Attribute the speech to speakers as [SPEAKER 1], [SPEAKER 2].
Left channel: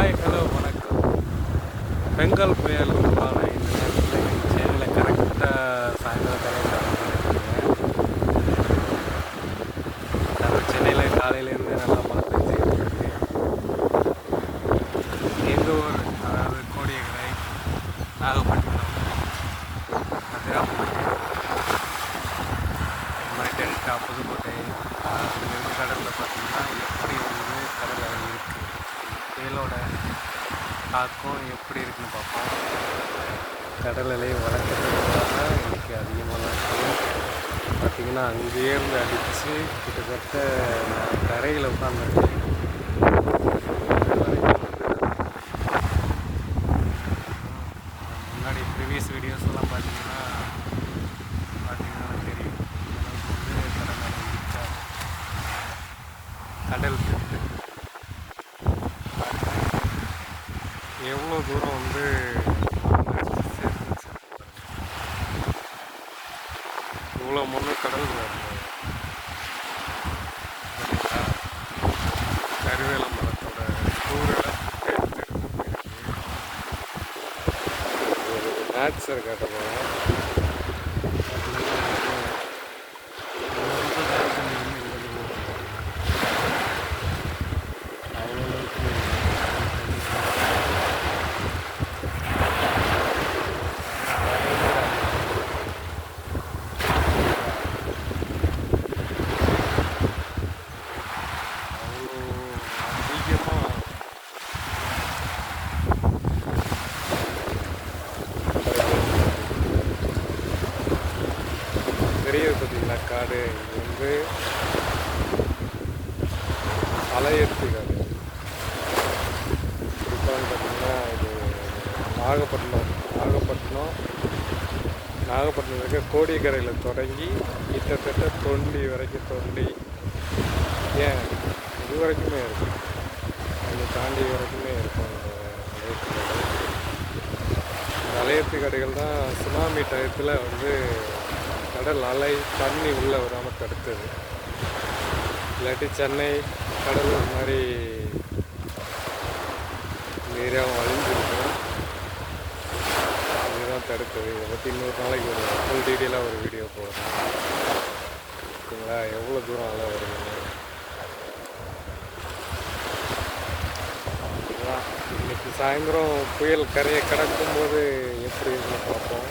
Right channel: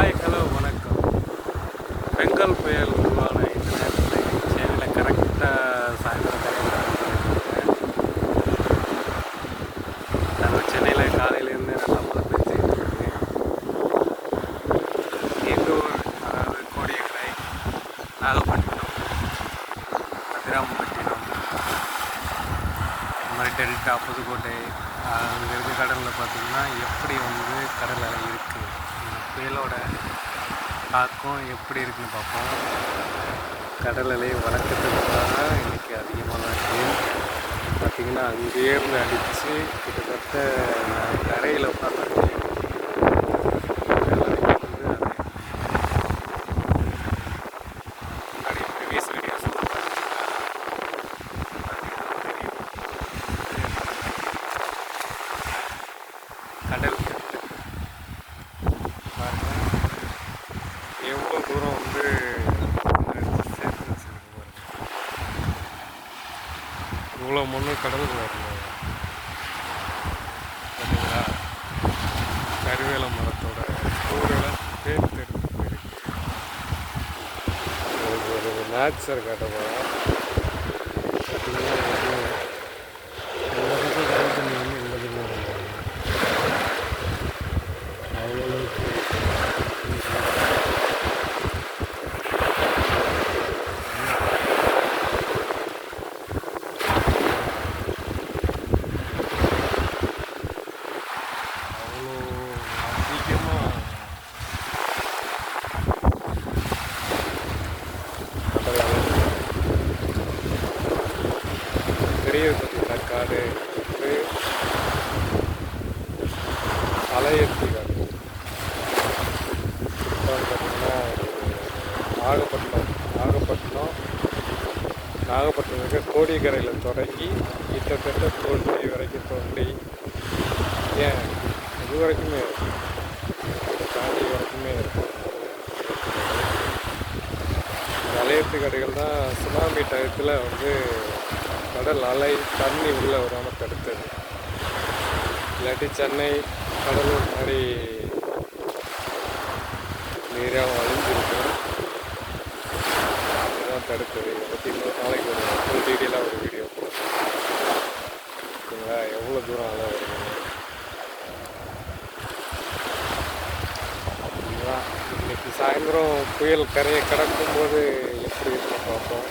[SPEAKER 1] Hi hello வணக்கம். பெங்கல் புயல் உருவான இந்த நேரத்தில் சென்னையில் கரெக்டாக சாயந்தரம் கரையில் நம்ம சென்னையில் காலையிலேருந்து நல்லா மழை பெஞ்சிக்கிட்டு இருக்கு. எங்கள் ஊர்? அதாவது கோடியக்கரை நாகப்பட்டினம் அதிராமப்பட்டினம் இந்த மாதிரி டெல்டா புதுக்கோட்டை அங்கே இருக்க கடலில் பார்த்தீங்கன்னா எப்படி வந்து கடல் அலை இருக்குது புயலோட தாக்கம் எப்படி இருக்குன்னு பார்ப்போம். கடல் அலை வழக்கத்துக்கு இன்றைக்கி அதிகமாக தான் இருக்குது பார்த்திங்கன்னா அங்கேயே இருந்து அடித்து கிட்டத்தட்ட நான் கரையில் உட்காந்துருக்கேன் முன்னாடி ப்ரீவியஸ் வீடியோஸ் எல்லாம் தெரியும். கடல் எவ்வளோ தூரம் வந்து சேர்த்து சேர்த்துச்சு இவ்வளோ மண்ணு கடல் பாருங்க பார்த்தீங்களா? கருவேல மரத்தோட சூழலை தேர்ந்தெடுத்து போயிருக்கு ஒரு நேச்சர் காட்ட போகிறோம் பெரிய பார்த்தீங்களா? காடு வந்து அலையத்தி காடு குறிப்பாக பார்த்தீங்கன்னா இது நாகப்பட்டினம் நாகப்பட்டினம் நாகப்பட்டினம் இருக்க கோடிக்கரையில் தொடங்கி கிட்டத்தட்ட தோண்டி வரைக்கும் தோண்டி. ஏன்? இது வரைக்குமே இருக்கும் இதை தாண்டி வரைக்குமே இருக்கும் இந்த கடைகள் தான் சுனாமி டயத்தில் வந்து கடல் அலை தண்ணி உள்ளே வராமல் தடுத்தது. இல்லாட்டி சென்னை கடலூர் மாதிரி நீராக அழிஞ்சிருக்கும். இதுதான் தடுத்தது. இதை பற்றி இன்னொரு நாளைக்கு ஒரு ஃபுல் டீட்டெயிலாக ஒரு வீடியோ போடுறேன் ஓகேங்களா? எவ்வளோ தூரம் அலை வருதுன்னு இதுதான் இன்னைக்கு சாயந்தரம் புயல் கரையை கடக்கும்போது எப்படி இருக்குன்னு பார்ப்போம்.